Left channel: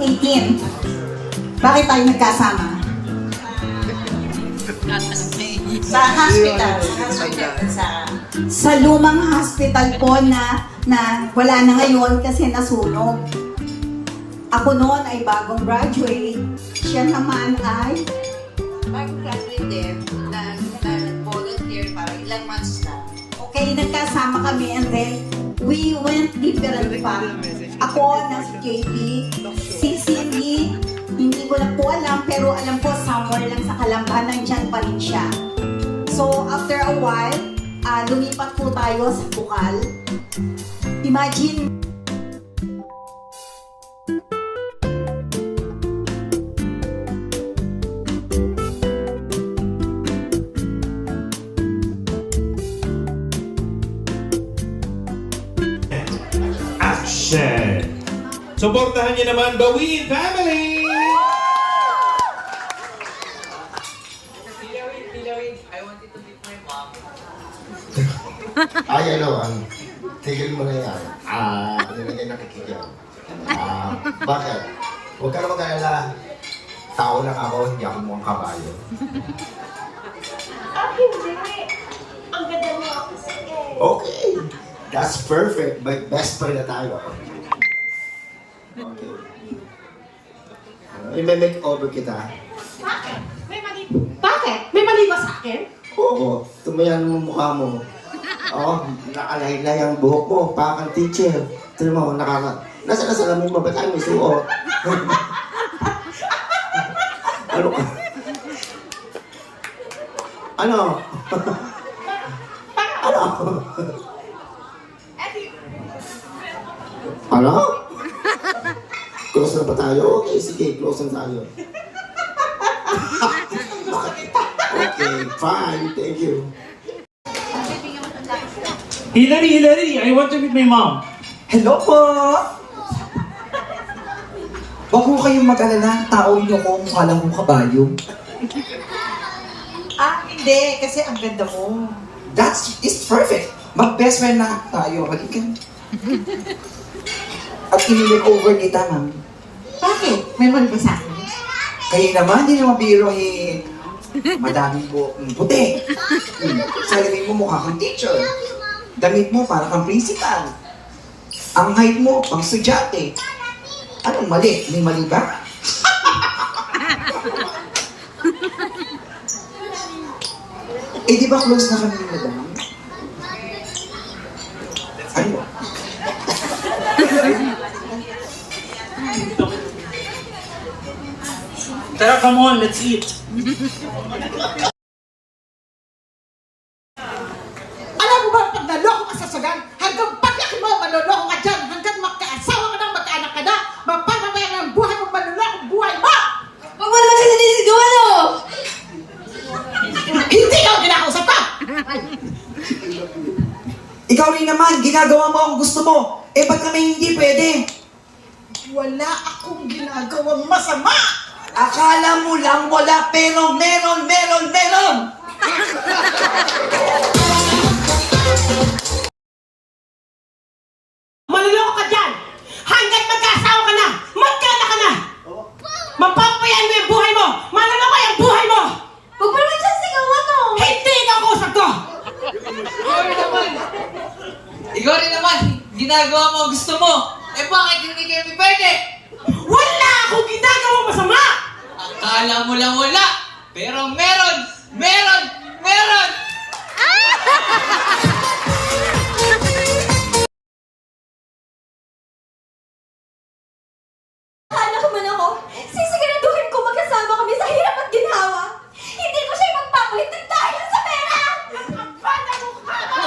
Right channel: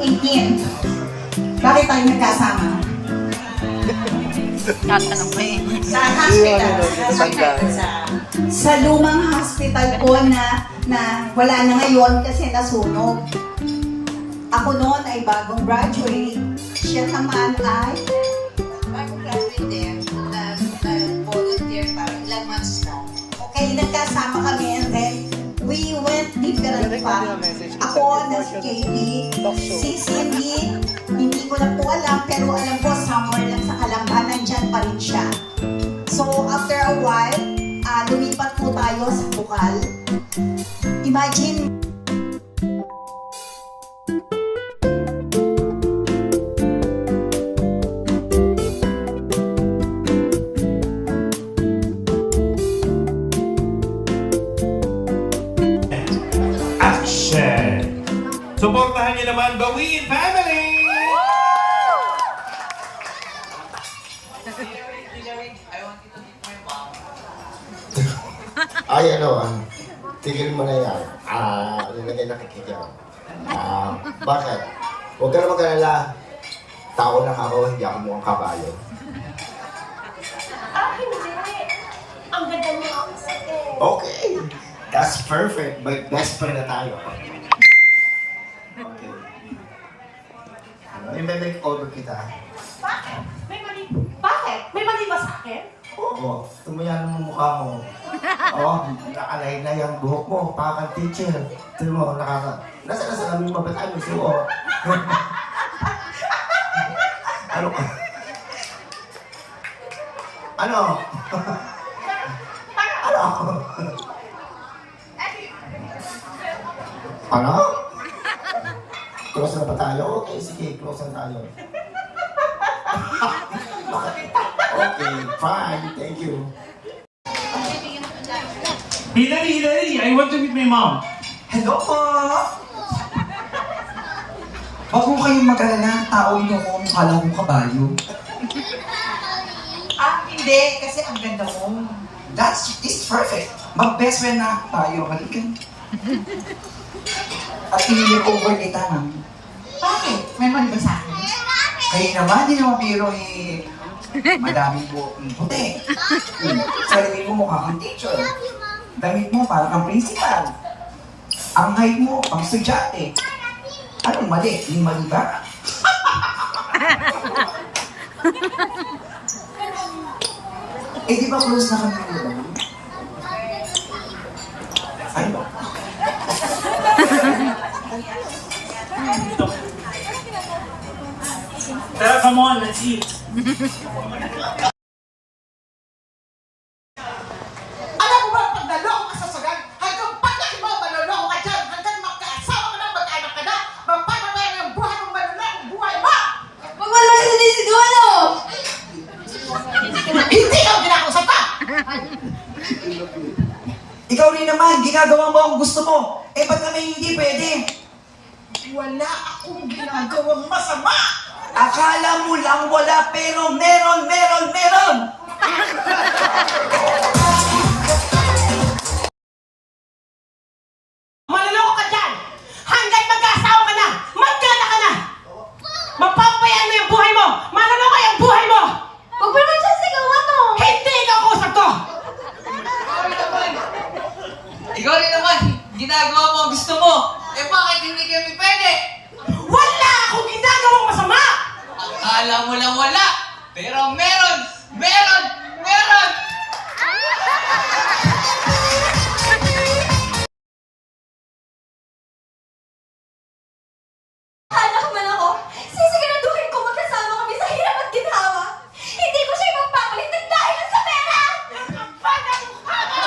18. Bakit tayo nagkasama? Sa hospital. Sa lumang hospital po na wala na ngayon kasi nasunog. Ako noon ay bagong graduate. Siya naman ay Bagong graduate din. Volunteer pa. Ilang months na. okay, nagkasama kami and then we went different pa. Ako na si JB, si Cindy, hindi ko na po alam, pero alam ko somewhere lang sa Kalamba, nandyan pa rin siya. So after a while, lumipat po tayo sa Bukal. Imagine, Action! Suportahan niyo naman the Win Family! Ay, tigil mo na yan. Yun na nakikita. Bakit? Huwag ka na mag-alala. Tao lang ako, hindi ako mukhang kabayo. Hindi. Ang ganda niya ako sa Okay, that's perfect. But best friend na tayo. Okay. I-make over kita. Bakit? Bakit? May mali ba sa akin? Oo, tumayan mo mukha mo. Oo, nakalaylay ang buhok mo, pakang teacher. Tignan mo, nasa salamin mo, ba't tayo may suot? Ano ka? Ano? Ano? Ano? Close na ba tayo? Okay, sige, close na tayo. Okay, fine, thank you. Hilary, I want to meet my mom. Hello po! Wag ko kayong mag-alala, tao niyo kung mukha lang akong kabayo. Hindi. Kasi ang ganda mo. It's perfect. Mag-best friend na tayo. Halika. At in-makeover kita ng... Bakit? May mali ba sa akin? Kayo naman, hindi naman biro madaming puti. Sarili mo mukha kang teacher. Damit mo para kang principal. Ang height mo, pang estudyante. Anong mali? May mali ba? Di ba close na kami ni madam? Ano? Tara, come on, let's eat. Alam mo ba pag naloko ka sa sagan, hanggang paglaki mo, manloloko ka dyan, hanggang magkaasawa ka na, magkaanak ka na, mapapatayan ang buhay mo, manloloko buhay mo! Huwag mo naman kasi sinisigaw, ano? Hindi ka ang kinakausap ka! Ikaw rin naman, ginagawa mo ang gusto mo. Ba't kami hindi pwede? Wala akong ginagawang masama! Akala mo lang wala, pero meron! Manloloko ka dyan! Hanggang magkaasawa ka na! Magkaanak ka na! Mapapayan mo yung buhay mo! Manloloko yung buhay mo! Huwag mo naman siya sigawan, no? Hindi ka kausap ko! Ikaw rin naman, ginagawa mo ang gusto mo. Bakit hindi kami pwede? Wala akong ginagawang masama! Akala mo lang wala, pero meron! Anak man ako, sisiguraduhin ko magkasama kami sa hirap at ginhawa. Hindi ko siya ipagpapalit dahil sa pera! Ang kapal na mukha mo!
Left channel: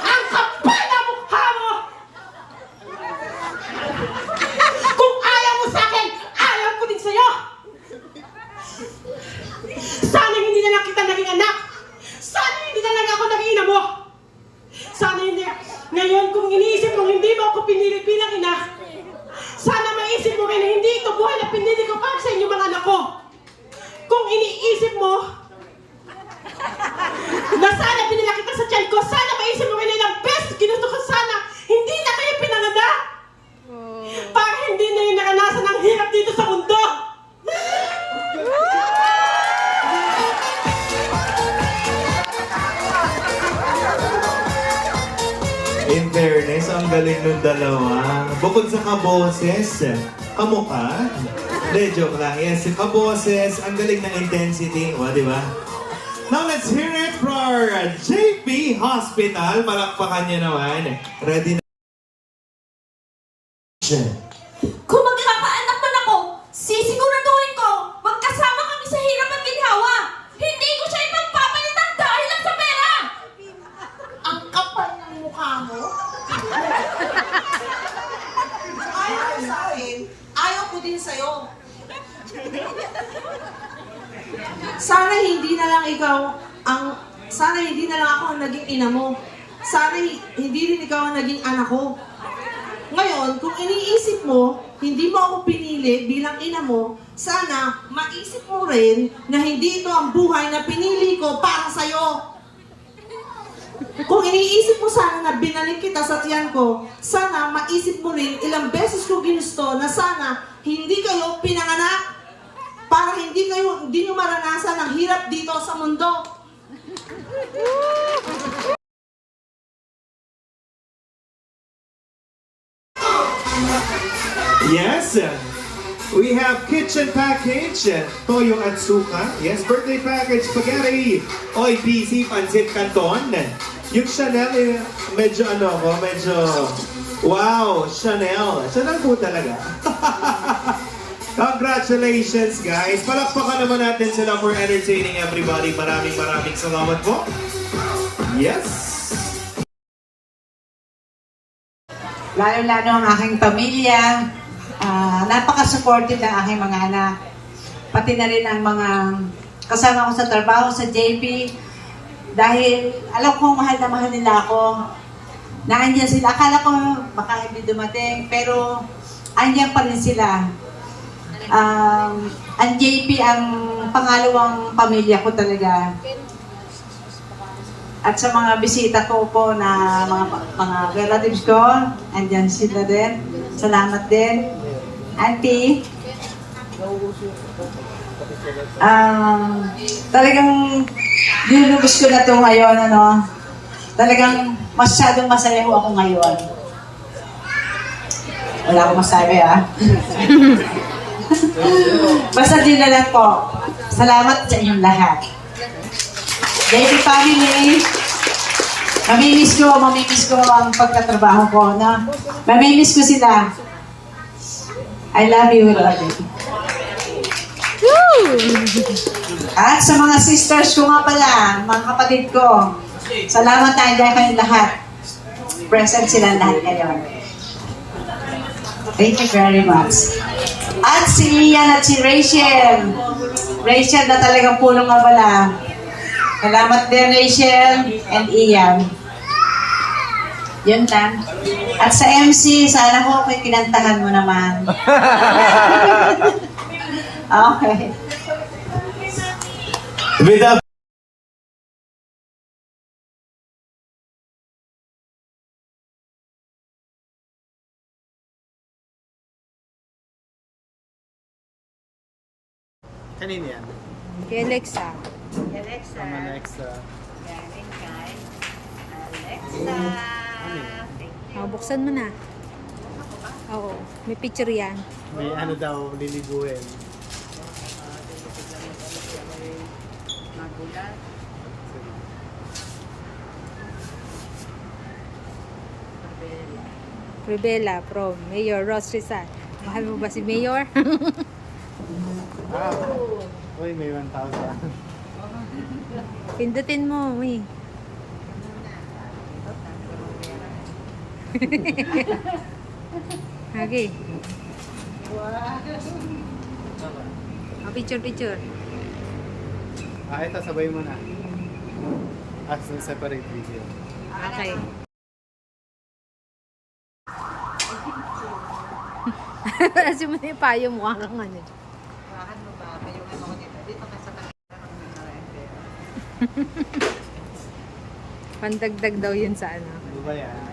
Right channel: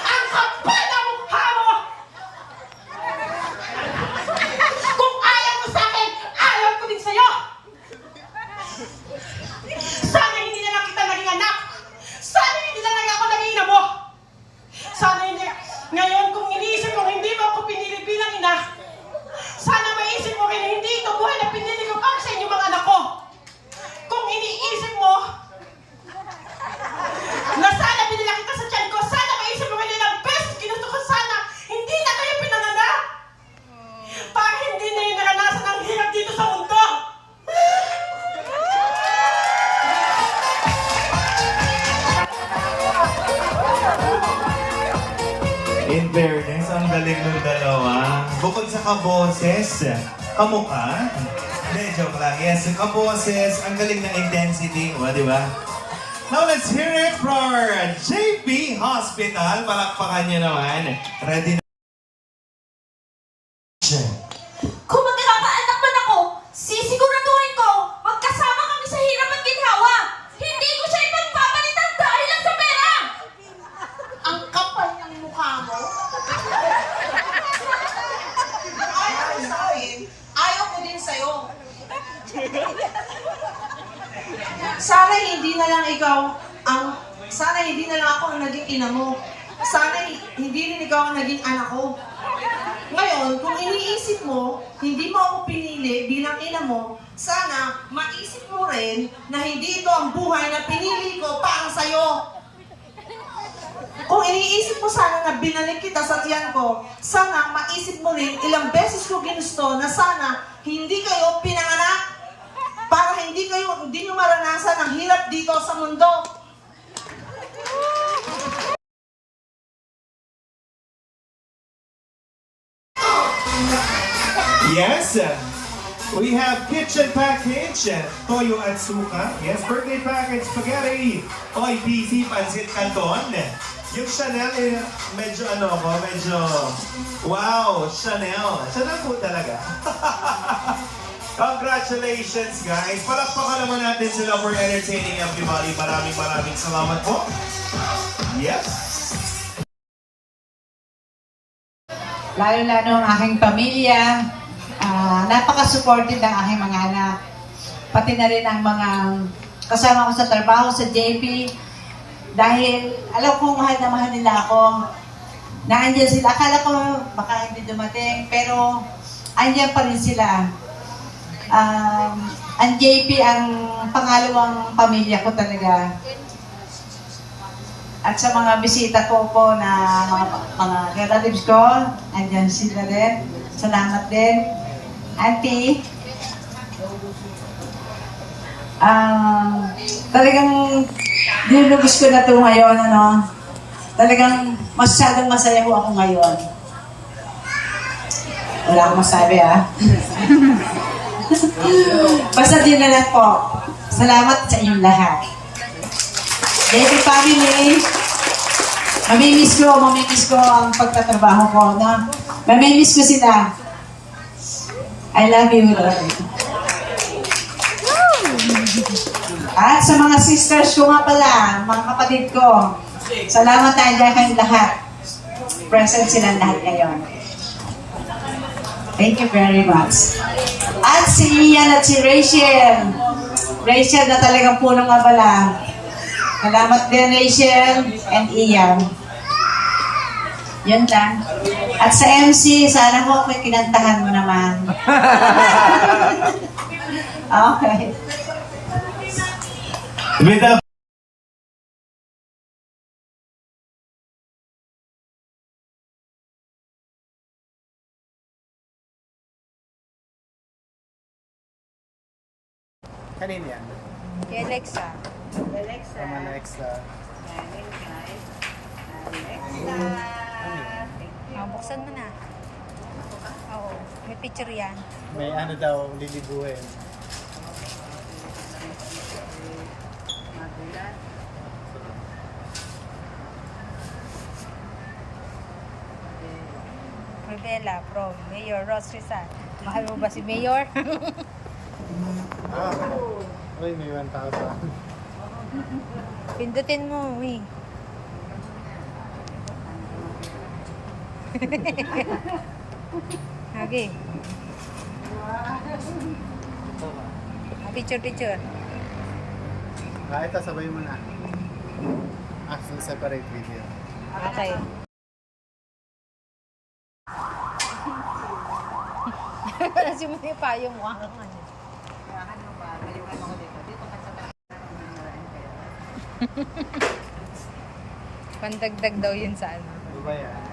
Ang kapal na mukha mo! Kung ayaw mo sa akin, ayaw ko din sa'yo! Sana hindi na lang kita naging anak! Sana hindi na lang ako naging ina mo! Sana hindi... Ngayon, kung iniisip mo hindi mo ako pinili bilang ina, sana maisip mo rin na hindi ito buhay na pinili ko para sa inyong mga anak ko. Kung iniisip mo na sana pinila kita sa tiyan ko, sana maisip mo rin na ilang best ginusto ko sana hindi na kayo pinanganak. Para hindi na yung naranasan ng hirap dito sa In fairness, ang galing ng dalawa. Bukod sa kaboses, kamukha. Hindi, joke lang. Yes, kaboses, ang galing ng intensity. O, di ba? Now, let's hear it for JP Hospital. Palakpakan niyo naman. Ready na. Kung magkakaanak man ako, sisiguraduhin ko, magkasama kami sa hirap at ginhawa. Hindi ko siya ipagpapalitan dahil lang sa pera. Ang kapal ng mukha mo. Ayaw ko sa akin, ayaw ko din sa'yo. Sana hindi na lang ako ang naging ina mo. Sana hindi rin ikaw ang naging anak ko. Ngayon, kung iniisip mo, hindi mo ako pinili bilang ina mo, sana maisip mo rin na hindi ito ang buhay na pinili ko para sa'yo. Kung iniisip mo sana na binalik kita sa tiyan ko, sana maisip mo rin ilang beses ko ginusto na sana hindi kayo pinanganak para hindi nyo maranasan ang hirap dito sa mundo. Yes, we have kitchen package, toyo at suka. Yes, birthday package, spaghetti, oy, PC, pancit canton. Yung Chanel, medyo wow, Chanel. Chanel po talaga. Congratulations, guys. Palakpakan naman natin sila for entertaining everybody. Maraming salamat po. Yes. Lalo-lalo ang aking pamilya, napaka-supportive ng aking mga anak. Pati na rin ang mga kasama ko sa trabaho sa JP. Dahil alam ko mahal na mahal nila ako. Nandiyan sila. Akala ko baka hindi dumating, pero andiyan pa rin sila. Ang JP ang pangalawang pamilya ko talaga. At sa mga bisita ko po na mga relatives ko, andyan sila din. Salamat din. Auntie. Talagang dinubos ko na ito ngayon, Talagang masyadong masaya ko ako ngayon. Wala akong masabi, Basta din na lang po. Salamat sa inyong lahat. Baby family, mamimiss ko ang pagtatrabaho ko, Mamimiss ko sila. I love you, Lord. At sa mga sisters ko nga pala, mga kapatid ko, salamat na andyan kayong lahat. Present sila lahat ngayon. Thank you very much. At si Ian at si Rachel. Rachel na talagang punong abala. Salamat din, Rachel and Ian. Yun lang. At sa MC, sana ko kinantahan mo naman. Okay. With the Kanina yan? Kay Alexa. Sama na extra. Buksan mo na. Oo, may picture yan. May ano daw, liliguin. Rivela from Mayor Ross Rizal. Mahal mo ba si Mayor? Uy, may 1,000. Pindutin mo, uy. Okay. Picture. Ito, sabay mo na. Actually, separate video. Okay. Kasi mo na yung payo mo kang ano. Pandagdag daw yun sa ano. Ano ba yan?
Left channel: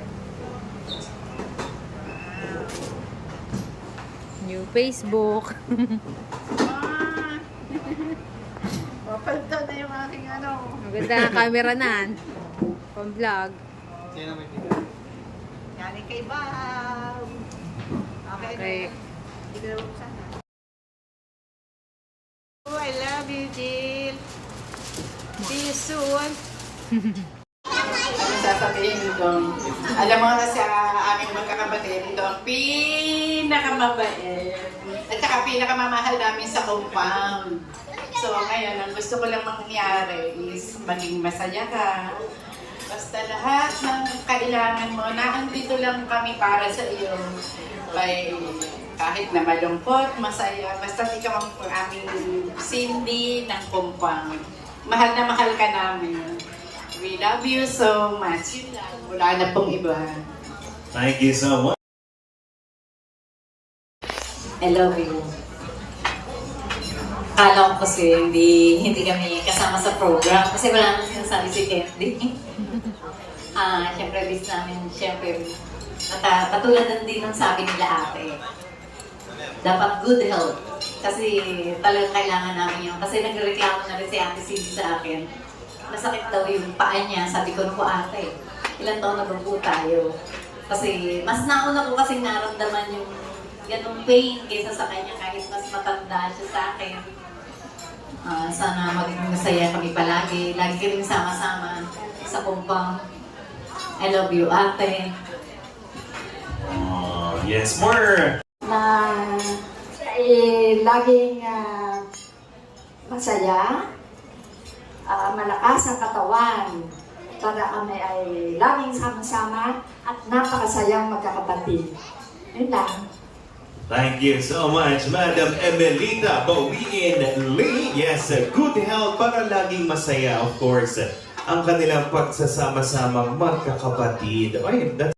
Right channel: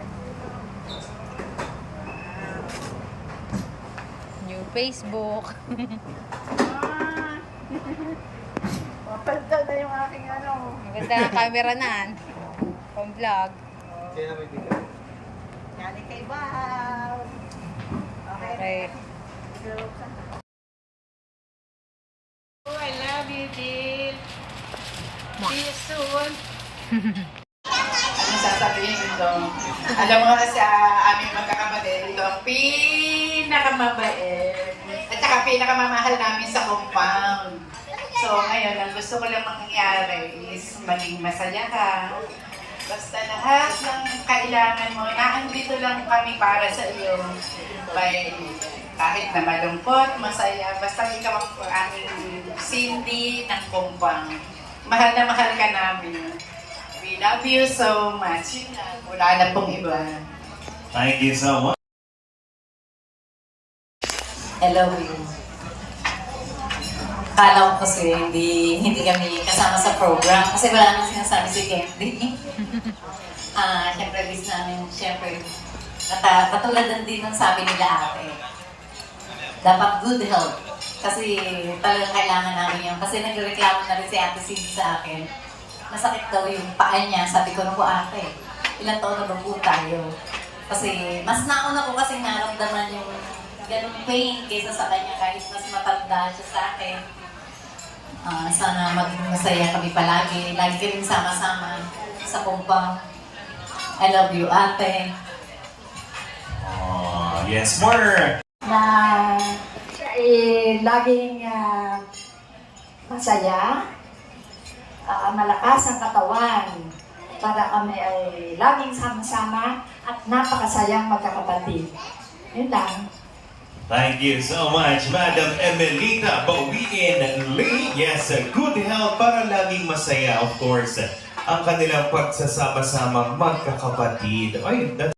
New Facebook. Mapalitan na yung aking Maganda ang camera na. Pang vlog. Yan ang may bigay. Bob. Okay. Oh, I love you, Jill. See you soon. Ano sasabihin ko? Alam mo na sa aming magkakapatid, ito ang pinakamabait at saka pinakamamahal namin sa compound. So ngayon, ang gusto ko lang mangyari is maging masaya ka. Basta lahat ng kailangan mo, naandito lang kami para sa iyo. Kahit na malungkot, masaya, basta ikaw ang aming Cindy ng compound. Mahal na mahal ka namin. We love you so much. Yun lang. Wala na pong iba. Thank you so much. I love you. Kala ko kasi hindi kami kasama sa program kasi wala nang sinasabi si Candy. Siyempre, bis namin, katulad din ng sabi nila ate. Dapat good health. Kasi talagang kailangan namin yun. Kasi nagreklamo na rin si Ate Cindy sa akin. Nasakit daw yung paa niya. Sabi ko na po ate, ilang taon na ba po tayo? Kasi mas nauna ko kasing naramdaman yung ganung pain kaysa sa kanya kahit mas matanda siya sa akin. Sana maging masaya kami palagi. Lagi kami sama-sama sa compound. I love you, ate. Oh, yes, more. Na laging masaya, malakas ang katawan para kami ay laging sama-sama at napakasayang magkakapatid. Yun lang. Thank you so much, Madam Emelita Bawiin Lee. Yes, good health para laging masaya, of course, ang kanilang pagsasama-samang magkakapatid. Ay,